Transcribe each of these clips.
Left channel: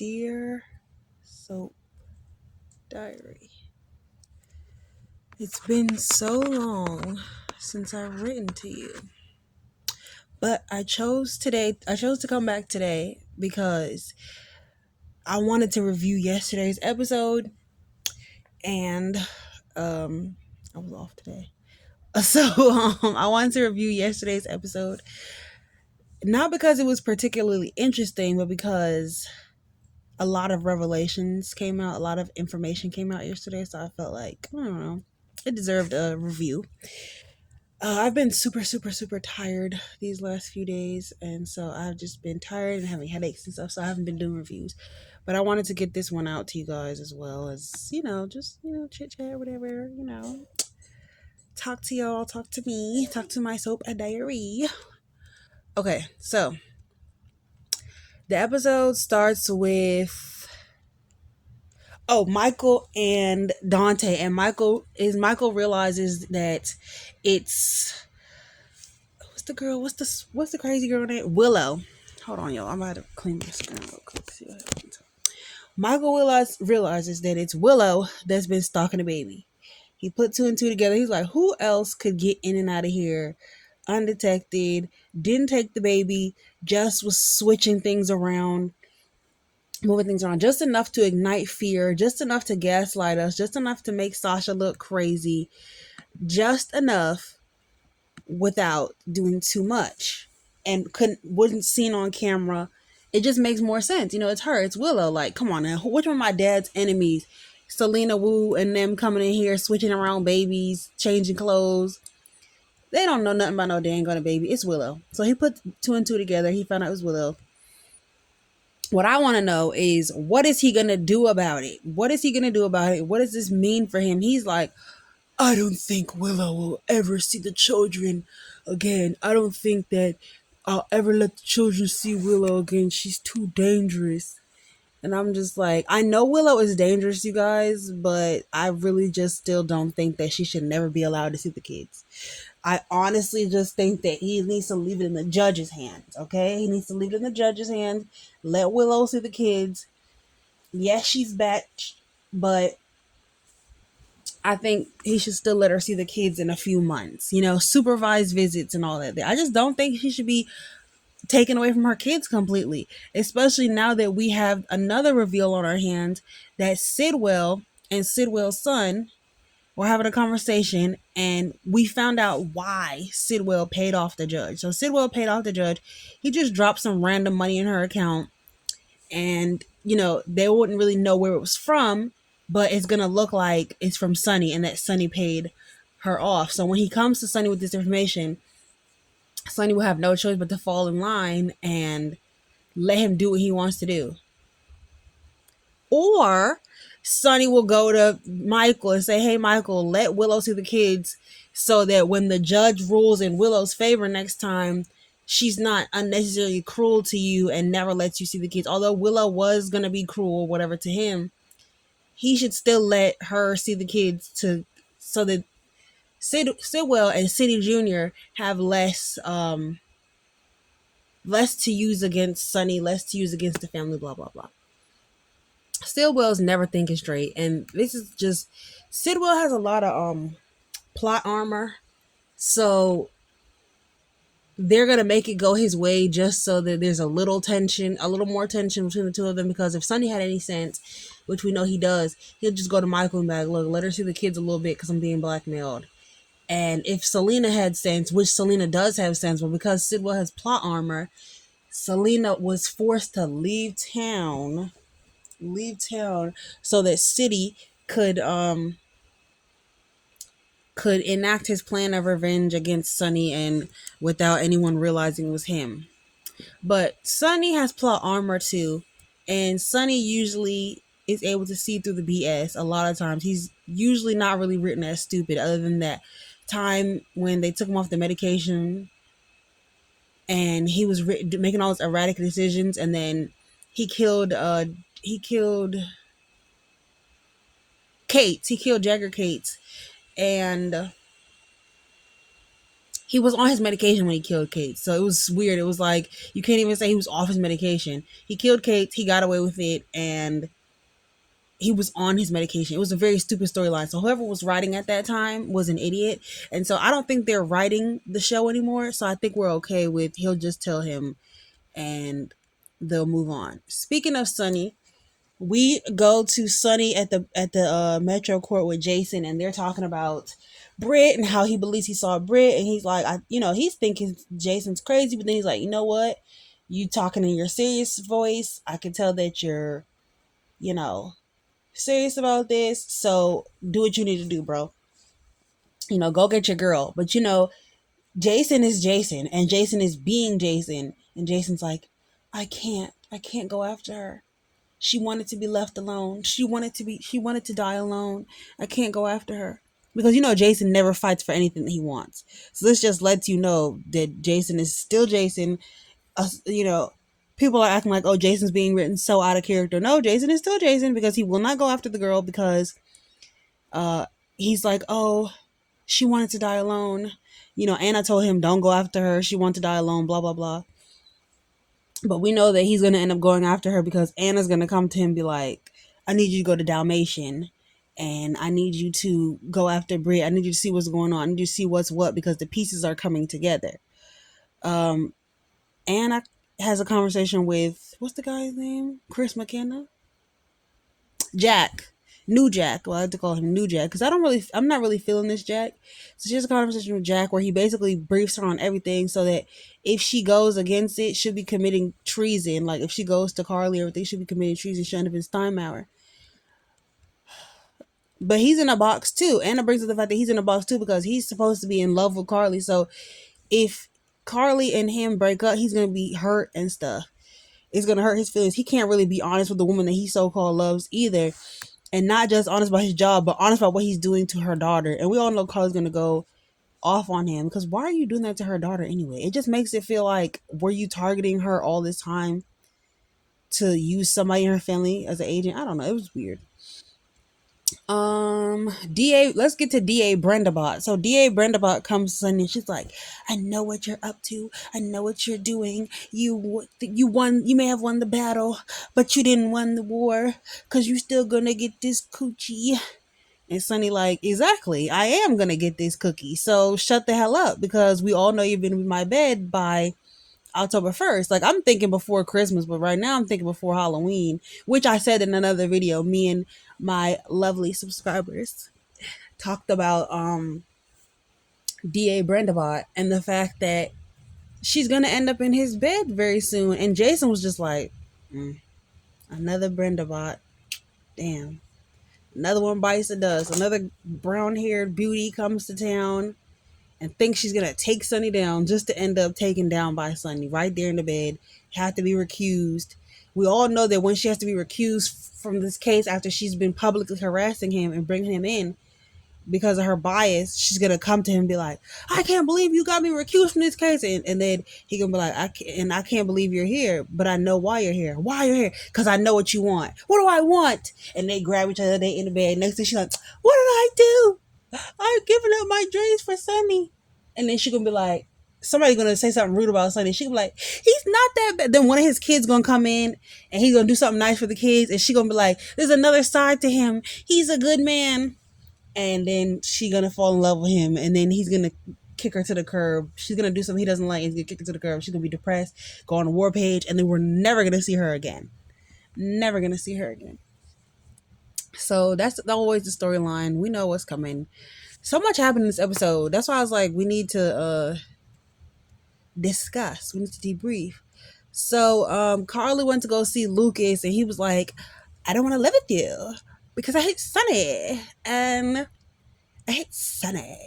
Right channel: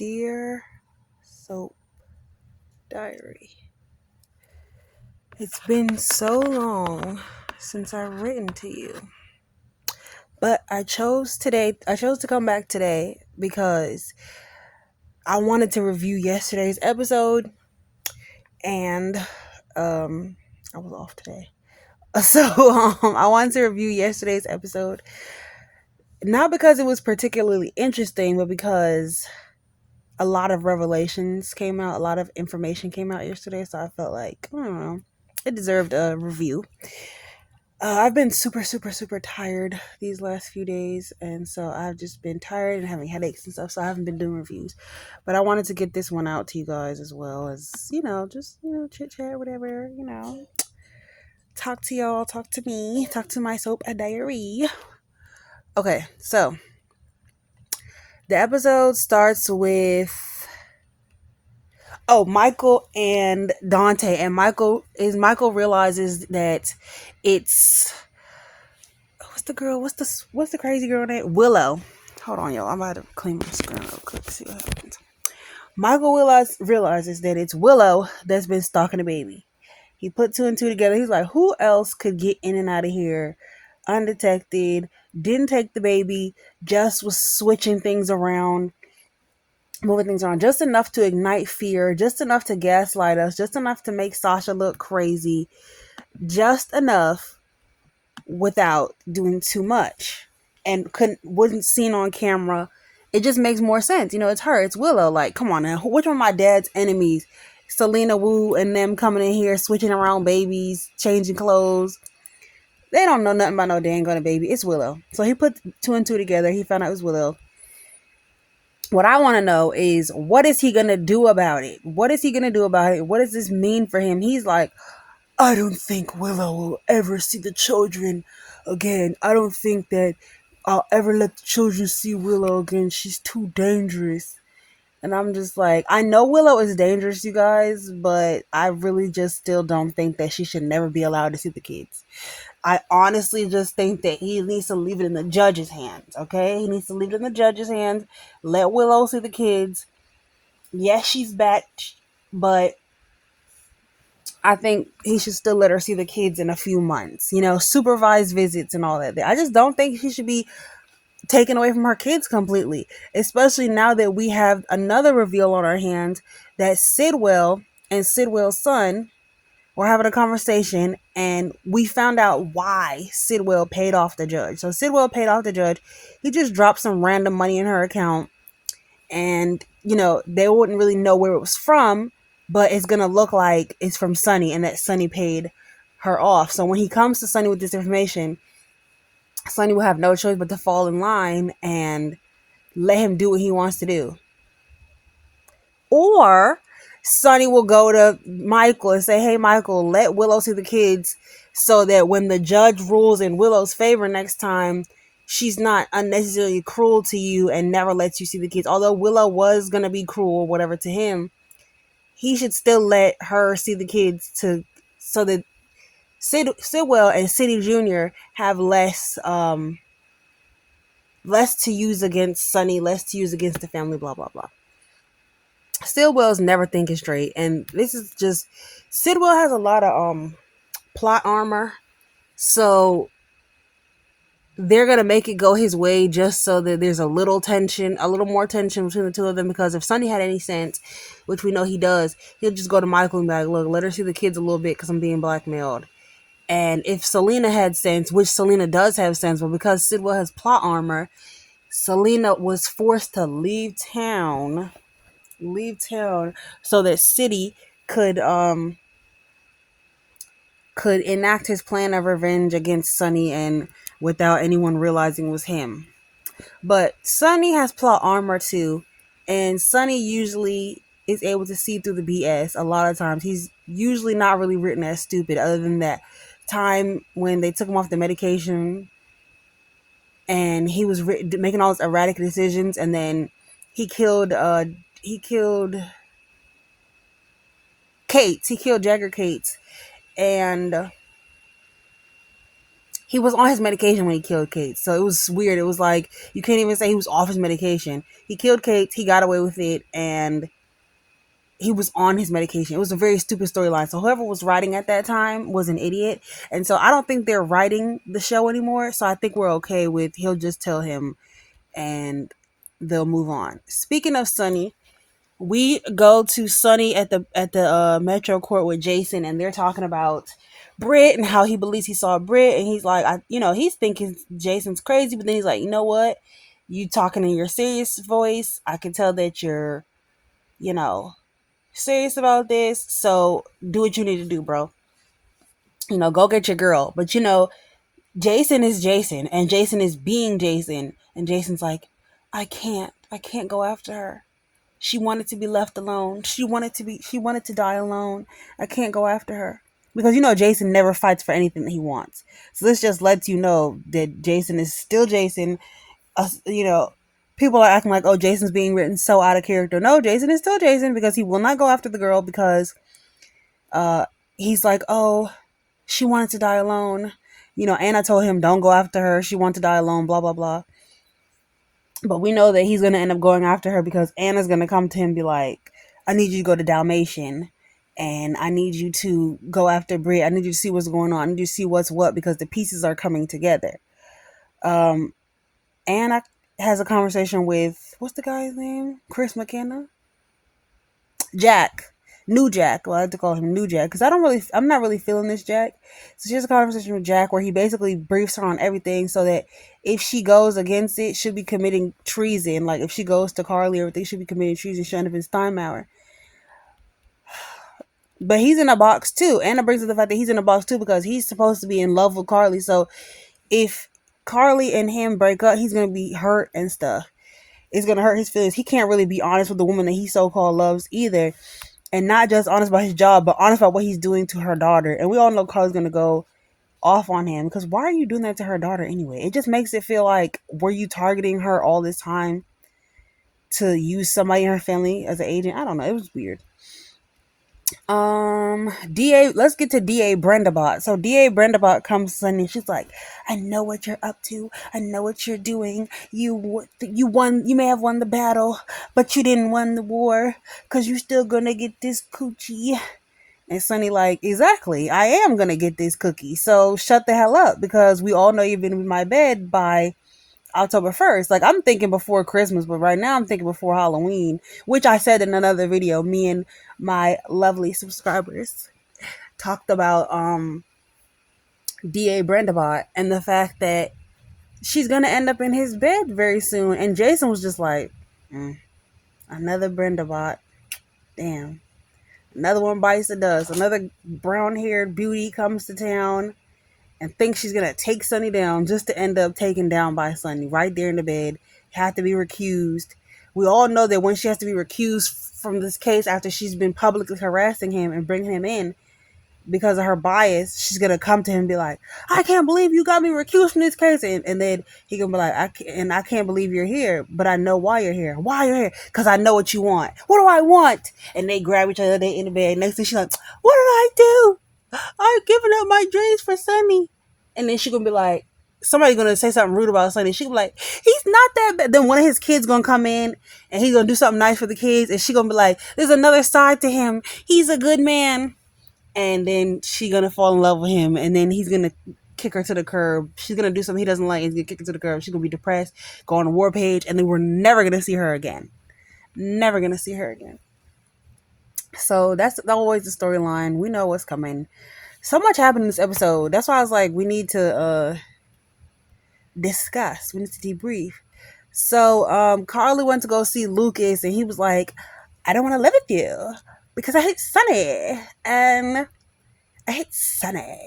Dear Soap Diary, it's been so long since I've written to you. But I chose to come back today because I wanted to review yesterday's episode and I was off today. So I wanted to review yesterday's episode. Not because it was particularly interesting, but because a lot of revelations came out, a lot of information came out yesterday, so I felt like, I don't know, it deserved a review. I've been super, super, super tired these last few days, and so I've just been tired and having headaches and stuff, so I haven't been doing reviews. But I wanted to get this one out to you guys as well as, just, chit chat, whatever, talk to y'all, talk to me, talk to my soap diary. Okay, so the episode starts with Michael and Dante, and Michael realizes that it's what's the crazy girl name? Willow. Hold on, y'all. I'm about to clean my screen real quick to see what happens. Michael realizes that it's Willow that's been stalking the baby. He put two and two together. He's like, who else could get in and out of here undetected? Didn't take the baby, just was switching things around, moving things around, just enough to ignite fear, just enough to gaslight us, just enough to make Sasha look crazy, just enough without doing too much, and wasn't seen on camera. It just makes more sense. It's her, it's Willow. Like, come on now, which one of my dad's enemies? Selena Wu and them coming in here, switching around babies, changing clothes. They don't know nothing about no dang gonna baby. It's Willow. So he put two and two together. He found out it was Willow. What I want to know is, what is he going to do about it? What is he going to do about it? What does this mean for him? He's like, I don't think Willow will ever see the children again. I don't think that I'll ever let the children see Willow again. She's too dangerous. And I'm just like, I know Willow is dangerous, you guys, but I really just still don't think that she should never be allowed to see the kids. I honestly just think that he needs to leave it in the judge's hands, okay? He needs to leave it in the judge's hands. Let Willow see the kids. Yes, she's back, but I think he should still let her see the kids in a few months. Supervised visits and all that. I just don't think she should be taken away from her kids completely, especially now that we have another reveal on our hands that Sidwell and Sidwell's son were having a conversation, and we found out why Sidwell paid off the judge. So Sidwell paid off the judge. He just dropped some random money in her account, and they wouldn't really know where it was from, but it's gonna look like it's from Sonny, and that Sonny paid her off. So when he comes to Sonny with this information, Sonny will have no choice but to fall in line and let him do what he wants to do. Or Sonny will go to Michael and say, hey, Michael, let Willow see the kids so that when the judge rules in Willow's favor next time, she's not unnecessarily cruel to you and never lets you see the kids. Although Willow was going to be cruel, whatever, to him, he should still let her see the kids so that Sidwell and City Jr. have less to use against Sonny, less to use against the family, blah, blah, blah. Sidwell's never thinking straight, and this is just, Sidwell has a lot of plot armor, so they're gonna make it go his way just so that there's a little more tension between the two of them. Because if Sonny had any sense, which we know he does, he'll just go to Michael and be like, look, let her see the kids a little bit because I'm being blackmailed. And if Selena had sense, which Selena does have sense, but because Sidwell has plot armor, Selena was forced to leave town so that City could enact his plan of revenge against Sonny, and without anyone realizing it was him. But Sonny has plot armor too, and Sonny usually is able to see through the BS. A lot of times he's usually not really written as stupid, other than that time when they took him off the medication and he was making all those erratic decisions, and then he killed Cates. He killed Jagger Cates, and he was on his medication when he killed Kate. So it was weird. It was like you can't even say he was off his medication. He killed Kate, he got away with it, and he was on his medication. It was a very stupid storyline. So whoever was writing at that time was an idiot. And so I don't think they're writing the show anymore. So I think we're okay with he'll just tell him and they'll move on. Speaking of Sonny, we go to Sonny at the Metro Court with Jason, and they're talking about Britt and how he believes he saw Britt, and he's like, he's thinking Jason's crazy, but then he's like, you know what? You talking in your serious voice. I can tell that you're, you know, serious about this. So do what you need to do, bro. Go get your girl. But Jason is Jason, and Jason is being Jason, and Jason's like, I can't go after her. She wanted to be left alone. She wanted to die alone. I can't go after her. Because Jason never fights for anything that he wants. So this just lets you know that Jason is still Jason. People are acting like, oh, Jason's being written so out of character. No, Jason is still Jason because he will not go after the girl because he's like, oh, she wanted to die alone. Anna told him, don't go after her. She wanted to die alone, blah, blah, blah. But we know that he's going to end up going after her because Anna's going to come to him and be like, I need you to go to Dalmatian and I need you to go after Brie. I need you to see what's going on. I need you to see what's what because the pieces are coming together. Anna has a conversation with, what's the guy's name? Chris McKenna? Jack. New Jack. Well, I have to call him New Jack because I'm not really feeling this Jack. So she has a conversation with Jack where he basically briefs her on everything so that if she goes against it, she'll be committing treason. Like if she goes to Carly or everything, she'll be committing treason, shutting up his time hour. But he's in a box too. Anna brings up the fact that he's in a box too because he's supposed to be in love with Carly. So if Carly and him break up, he's gonna be hurt and stuff. It's gonna hurt his feelings. He can't really be honest with the woman that he so-called loves either. And not just honest about his job, but honest about what he's doing to her daughter. And we all know Carly's going to go off on him because why are you doing that to her daughter anyway? It just makes it feel like, were you targeting her all this time to use somebody in her family as an agent? I don't know. It was weird. DA, let's get to DA Brendabot. So DA Brendabot comes Sunday. She's like, I know what you're up to. I know what you're doing. You won. You may have won the battle, but you didn't win the war because you're still gonna get this coochie. And Sunny like, exactly. I am gonna get this cookie. So shut the hell up because we all know you've been in my bed by October 1st. Like, I'm thinking before Christmas, but right now I'm thinking before Halloween, which I said in another video. Me and my lovely subscribers talked about DA Brendabot and the fact that she's gonna end up in his bed very soon. And Jason was just like, another Brendabot. Damn. Another one bites the dust. Another brown-haired beauty comes to town and thinks she's going to take Sunny down just to end up taken down by Sunny right there in the bed. Had to be recused. We all know that when she has to be recused from this case after she's been publicly harassing him and bringing him in because of her bias, she's going to come to him and be like, I can't believe you got me recused from this case. And then he going to be like, I can't believe you're here, but I know why you're here. Why you're here? Because I know what you want. What do I want? And they grab each other, they in the bed. Next thing she's like, what did I do? I'm giving up my dreams for Sunny. And then she gonna be like, somebody's gonna say something rude about Sunny. She gonna be like, he's not that bad. Then one of his kids gonna come in and he's gonna do something nice for the kids. And she gonna be like, there's another side to him. He's a good man. And then she gonna fall in love with him. And then he's gonna kick her to the curb. She's gonna do something he doesn't like. He's gonna kick her to the curb. She's gonna be depressed, go on a war page. And then we're never gonna see her again. Never gonna see her again. So that's always the storyline. We know what's coming. So much happened in this episode. That's why I was like, we need to discuss. We need to debrief. So Carly went to go see Lucas and he was like, I don't want to live with you because I hate Sunny. And I hate Sunny.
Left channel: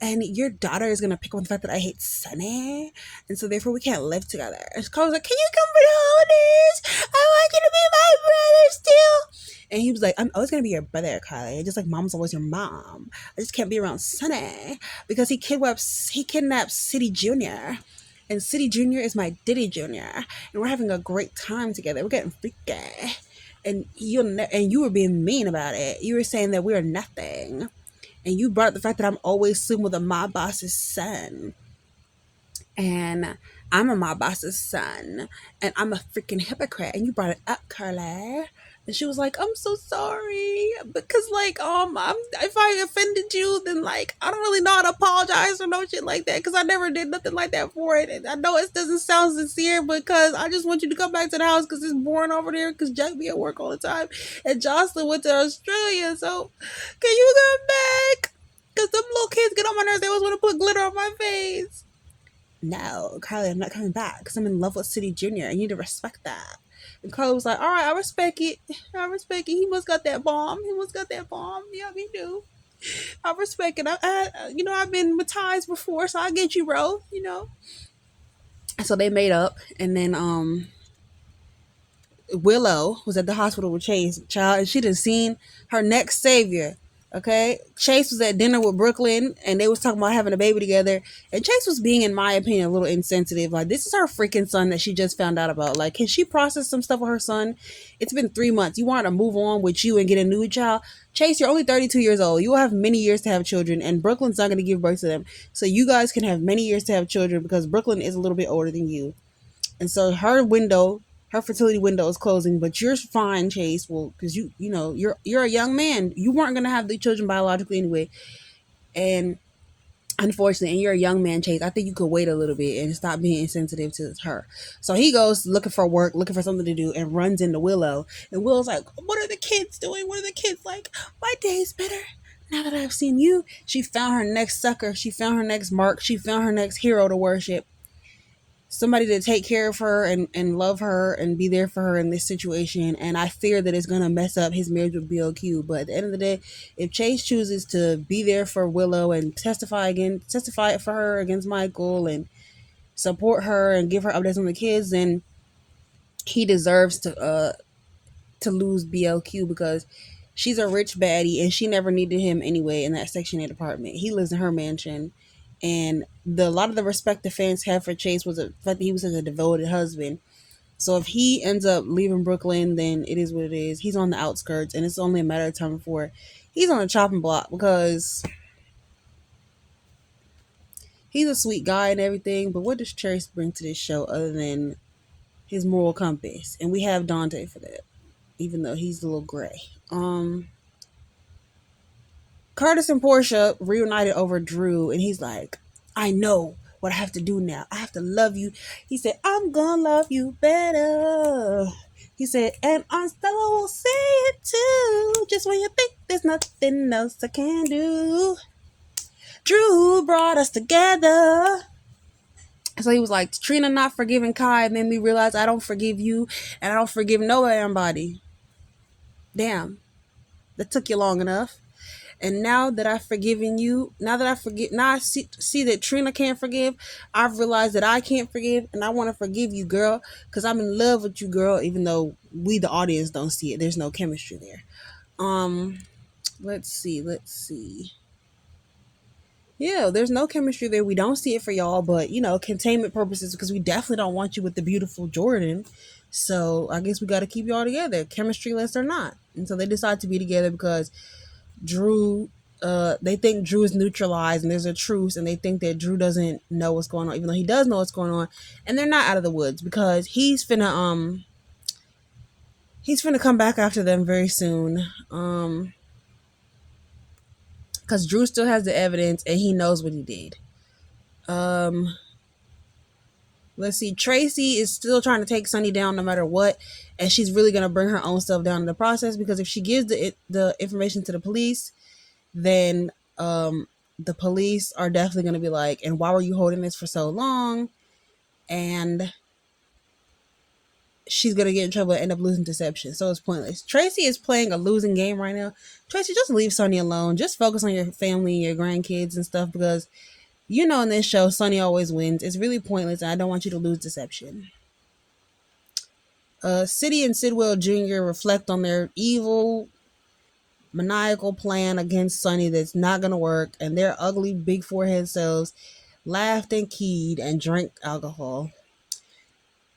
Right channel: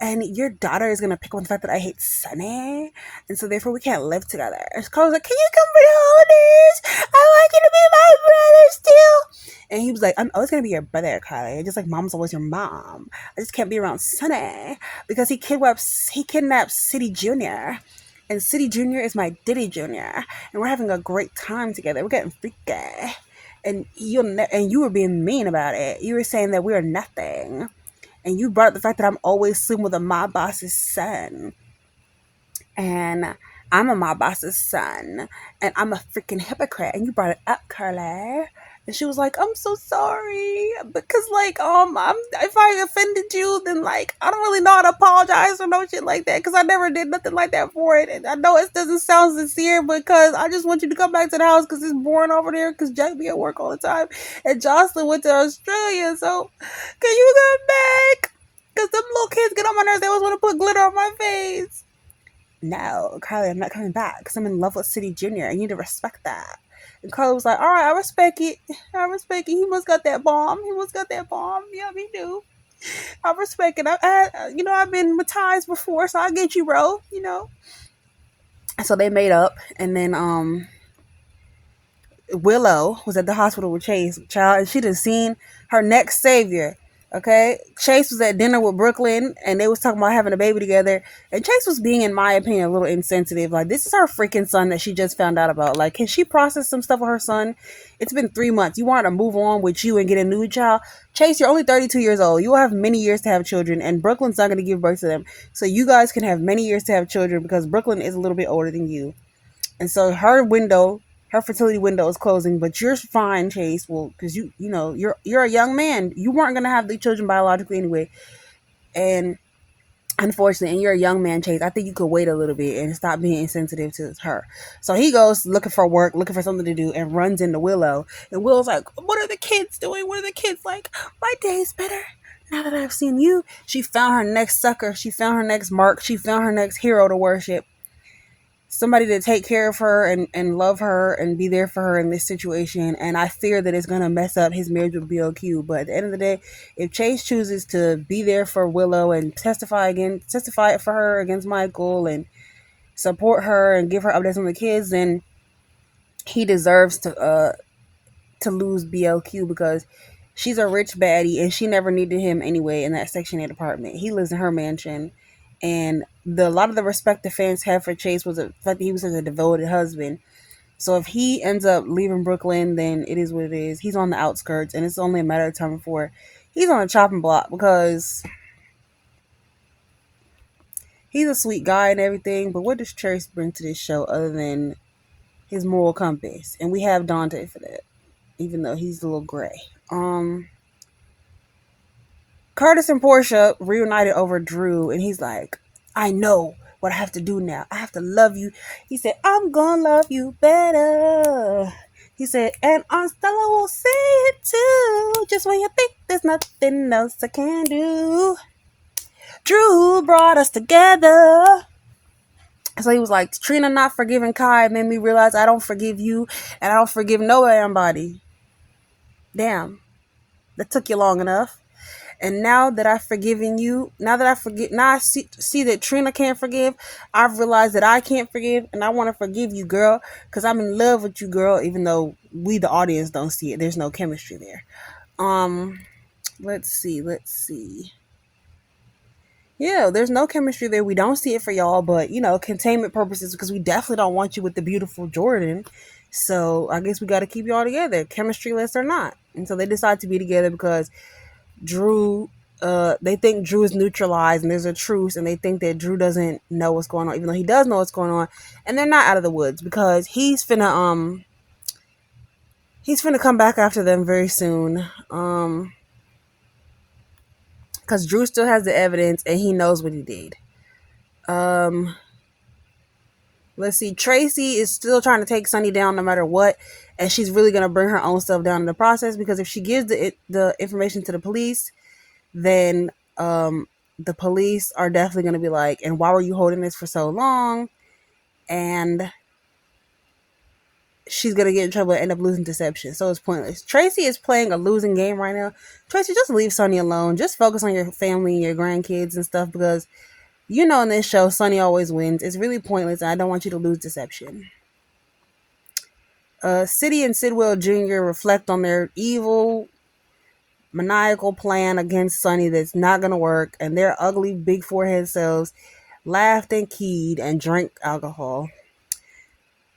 And your daughter is going to pick up on the fact that I hate Sunny. And so therefore we can't live together. And Carly was like, can you come for the holidays? I want you to be my brother still. And he was like, I'm always going to be your brother, Carly. Just like mom's always your mom. I just can't be around Sunny. Because he kidnapped City Jr. And City Jr. is my Diddy Jr. And we're having a great time together. We're getting freaky. And you were being mean about it. You were saying that we are nothing. And you brought up the fact that I'm always sleeping with a my boss's son. And I'm a my boss's son. And I'm a freaking hypocrite. And you brought it up, Carla. And she was like, I'm so sorry. Because, like, if I offended you, then, like, I don't really know how to apologize or no shit like that. Because I never did nothing like that for it. And I know it doesn't sound sincere, because I just want you to come back to the house because it's boring over there. Because Jack be at work all the time. And Jocelyn went to Australia. So, can you come back? Because them little kids get on my nerves. They always want to put glitter on my face. No, Carly, I'm not coming back because I'm in love with City Junior. I need to respect that. And Carly was like, all right, I respect it. I respect it. He must got that bomb. He must got that bomb. Yeah, me too. I respect it. I've been with ties before, so I get you, bro. So they made up, and then Willow was at the hospital with Chase, child, and she done seen her next savior. Okay, Chase was at dinner with Brooklyn, and they was talking about having a baby together. And Chase was being, in my opinion, a little insensitive. Like, this is her freaking son that she just found out about. Like, can she process some stuff with her son? It's been 3 months. You want her to move on with you and get a new child? Chase, you're only 32 years old. You will have many years to have children, and Brooklyn's not going to give birth to them. So you guys can have many years to have children because Brooklyn is a little bit older than you. And so her fertility window is closing, but you're fine, Chase. Well, because you're a young man. You weren't gonna have the children biologically anyway, and unfortunately, and you're a young man, Chase. I think you could wait a little bit and stop being insensitive to her. So he goes looking for work, looking for something to do, and runs into Willow. And Willow's like, "What are the kids doing? What are the kids like? My day is better now that I've seen you." She found her next sucker. She found her next mark. She found her next hero to worship. Somebody to take care of her and love her and be there for her in this situation. And I fear that it's going to mess up his marriage with BLQ. But at the end of the day, if Chase chooses to be there for Willow and testify for her against Michael and support her and give her updates on the kids, then he deserves to lose BLQ because she's a rich baddie and she never needed him anyway in that Section 8 apartment. He lives in her mansion. And a lot of the respect the fans have for Chase was the fact that he was such a devoted husband. So if he ends up leaving Brooklyn, then it is what it is. He's on the outskirts, and it's only a matter of time before he's on a chopping block because he's a sweet guy and everything. But what does Chase bring to this show other than his moral compass? And we have Dante for that, even though he's a little gray. Curtis and Portia reunited over Drew, and he's like, I know what I have to do now. I have to love you. He said, I'm gonna love you better. He said, and Stella will say it too. Just when you think there's nothing else I can do. Drew brought us together. So he was like, Trina not forgiving Kai made me realize I don't forgive you, and I don't forgive nobody. Damn, that took you long enough. And now that I've forgiven you, now I see that Trina can't forgive, I've realized that I can't forgive, and I want to forgive you, girl, because I'm in love with you, girl, even though we, the audience, don't see it. There's no chemistry there. Let's see. Yeah, there's no chemistry there. We don't see it for y'all, but, containment purposes, because we definitely don't want you with the beautiful Jordan. So I guess we got to keep y'all together, chemistry-less or not. And so they decide to be together because Drew, they think Drew is neutralized and there's a truce, and they think that Drew doesn't know what's going on, even though he does know what's going on. And they're not out of the woods because he's finna come back after them very soon. Because Drew still has the evidence and he knows what he did. Let's see. Tracy is still trying to take Sunny down no matter what, and she's really gonna bring her own stuff down in the process, because if she gives the information to the police, then the police are definitely going to be like, and why were you holding this for so long? And she's going to get in trouble and end up losing deception. So it's pointless. Tracy is playing a losing game right now. Tracy, just leave Sonny alone. Just focus on your family and your grandkids and stuff, because in this show, Sonny always wins. It's really pointless. I don't want you to lose deception. City and Sidwell Jr. reflect on their evil, maniacal plan against Sonny that's not gonna work, and their ugly big forehead selves laughed and keyed and drank alcohol.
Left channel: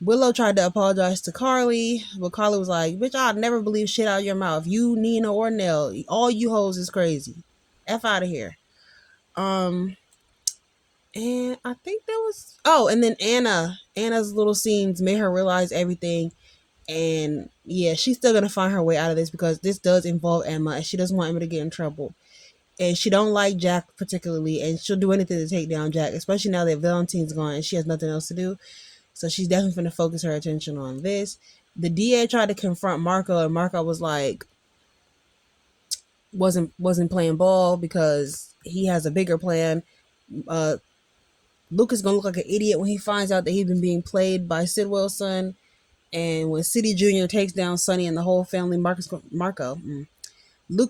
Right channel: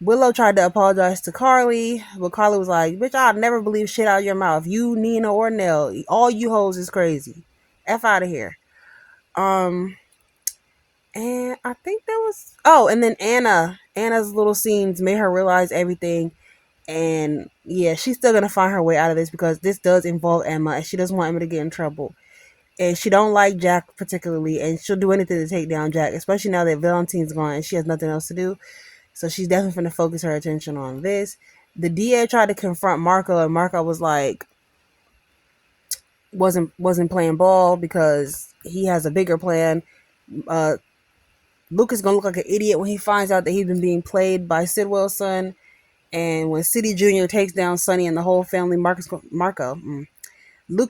Willow tried to apologize to Carly, but Carly was like, bitch, I'll never believe shit out of your mouth. You, Nina, or Nell, all you hoes is crazy. F out of here. Um, and I think that was and then Anna's little scenes made her realize everything. And yeah, she's still gonna find her way out of this because this does involve Emma, and she doesn't want Emma to get in trouble. And she don't like Jack particularly, and she'll do anything to take down Jack, especially now that Valentine's gone and she has nothing else to do. So she's definitely gonna focus her attention on this. The DA tried to confront Marco, and Marco was like, wasn't playing ball because he has a bigger plan. Uh, Luke is gonna look like an idiot when he finds out that he's been being played by Sidwell's son. And when City Junior takes down Sonny and the whole family, Luke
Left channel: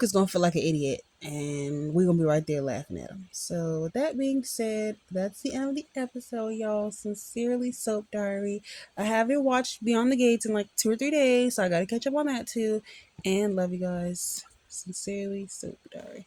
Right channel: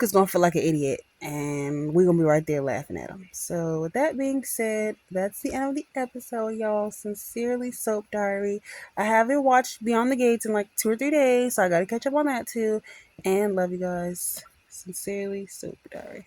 is gonna feel like an idiot, and we're gonna be right there laughing at him. So, with that being said, that's the end of the episode, y'all. Sincerely, Soap Diary. I haven't watched Beyond the Gates in like 2 or 3 days, so I gotta catch up on that too. And love you guys. Sincerely, Soap Diary.